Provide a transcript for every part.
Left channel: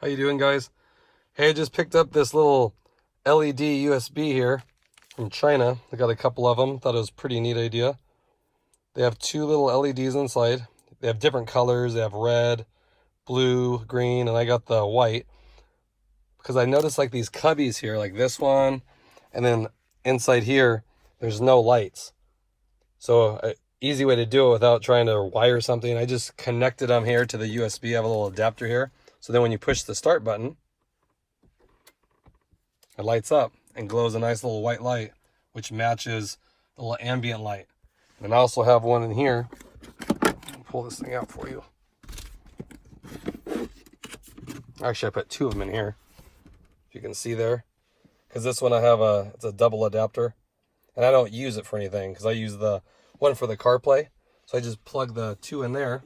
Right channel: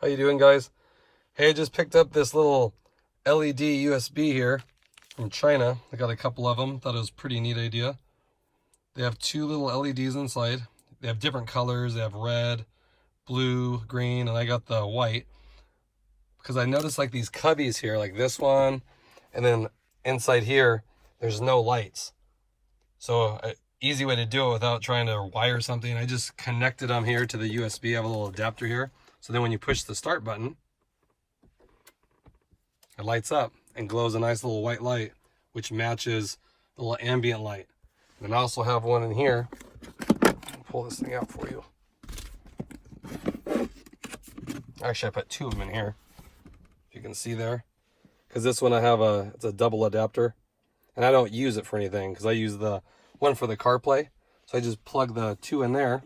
How you doing, guys? Hey, I just picked up this little LED USB here from China. I got a couple of them. Thought it was a pretty neat idea. They have two little LEDs inside. They have different colors. They have red, blue, green, and I got the white. Because I noticed like these cubbies here, like this one, and then inside here, there's no lights. So an easy way to do it without trying to wire something, I just connected them here to the USB. I have a little adapter here. So then when you push the start button, it lights up and glows a nice little white light, which matches the little ambient light. And I also have one in here. Pull this thing out for you. Actually, I put two of them in here, if you can see there. Because this one I have it's a double adapter. And I don't use it for anything because I use the one for the CarPlay. So I just plug the two in there.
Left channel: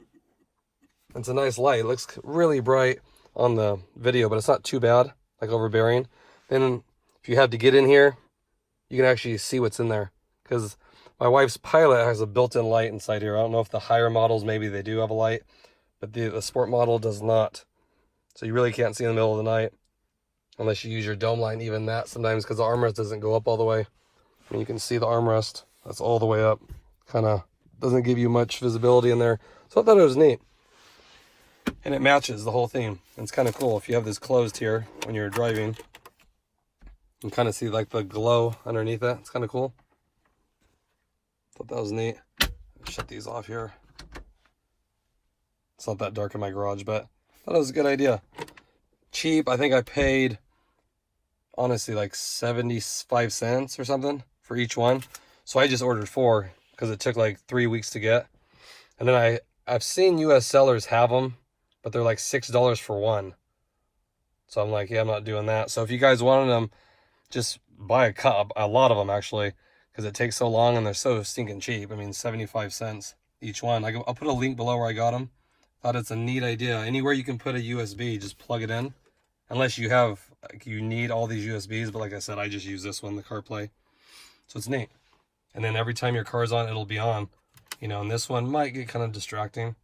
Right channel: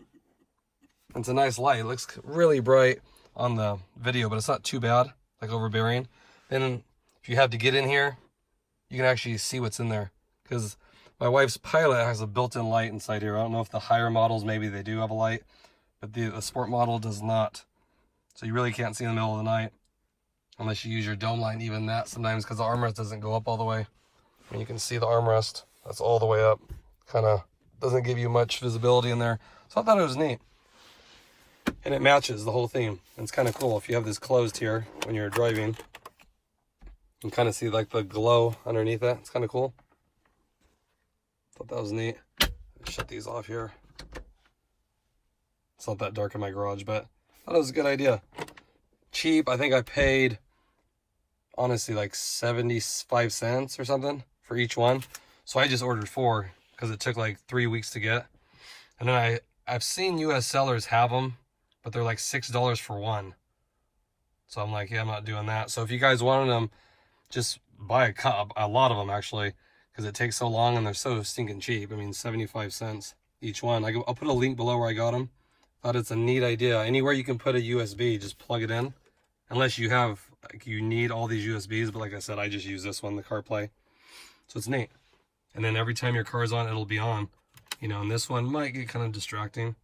It's a nice light. It looks really bright on the video, but it's not too bad, like overbearing. Then if you have to get in here, you can actually see what's in there. Because my wife's Pilot has a built-in light inside here. I don't know if the higher models, maybe they do have a light, but the sport model does not. So you really can't see in the middle of the night unless you use your dome light, even that sometimes, because the armrest doesn't go up all the way. And you can see the armrest, that's all the way up. Kind of doesn't give you much visibility in there. So I thought it was neat. And it matches the whole theme. It's kind of cool if you have this closed here when you're driving. You can kind of see like the glow underneath that. It's kind of cool. Thought that was neat. Shut these off here. It's not that dark in my garage, but I thought it was a good idea. Cheap. I think I paid, honestly, like 75 cents or something for each one. So I just ordered 4 because it took like 3 weeks to get. And then I've seen US sellers have them, but they're like $6 for one. So I'm like, yeah, I'm not doing that. So if you guys wanted them, just buy a lot of them actually, because it takes so long and they're so stinking cheap. I mean, 75 cents each one. I'll put a link below where I got them. Thought it's a neat idea. Anywhere you can put a USB, just plug it in. Unless you have, like, you need all these USBs, but like I said, I just use this one, the CarPlay. So it's neat. And then every time your car's on, it'll be on. You know, and this one might get kind of distracting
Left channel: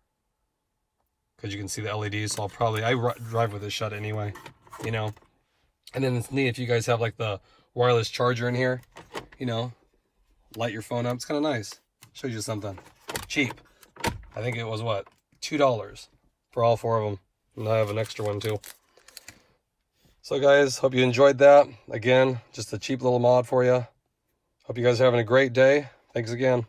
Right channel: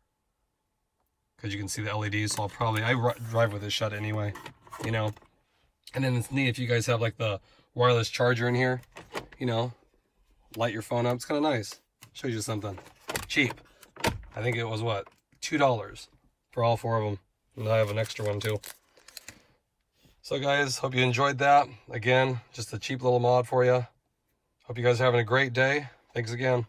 because you can see the LEDs. So I drive with it shut anyway, you know. And then it's neat if you guys have like the wireless charger in here, you know, light your phone up. It's kind of nice. Shows you something cheap. I think it was what, $2 for all 4 of them. And I have an extra one too. So guys, hope you enjoyed that. Again, just a cheap little mod for you. Hope you guys are having a great day. Thanks again.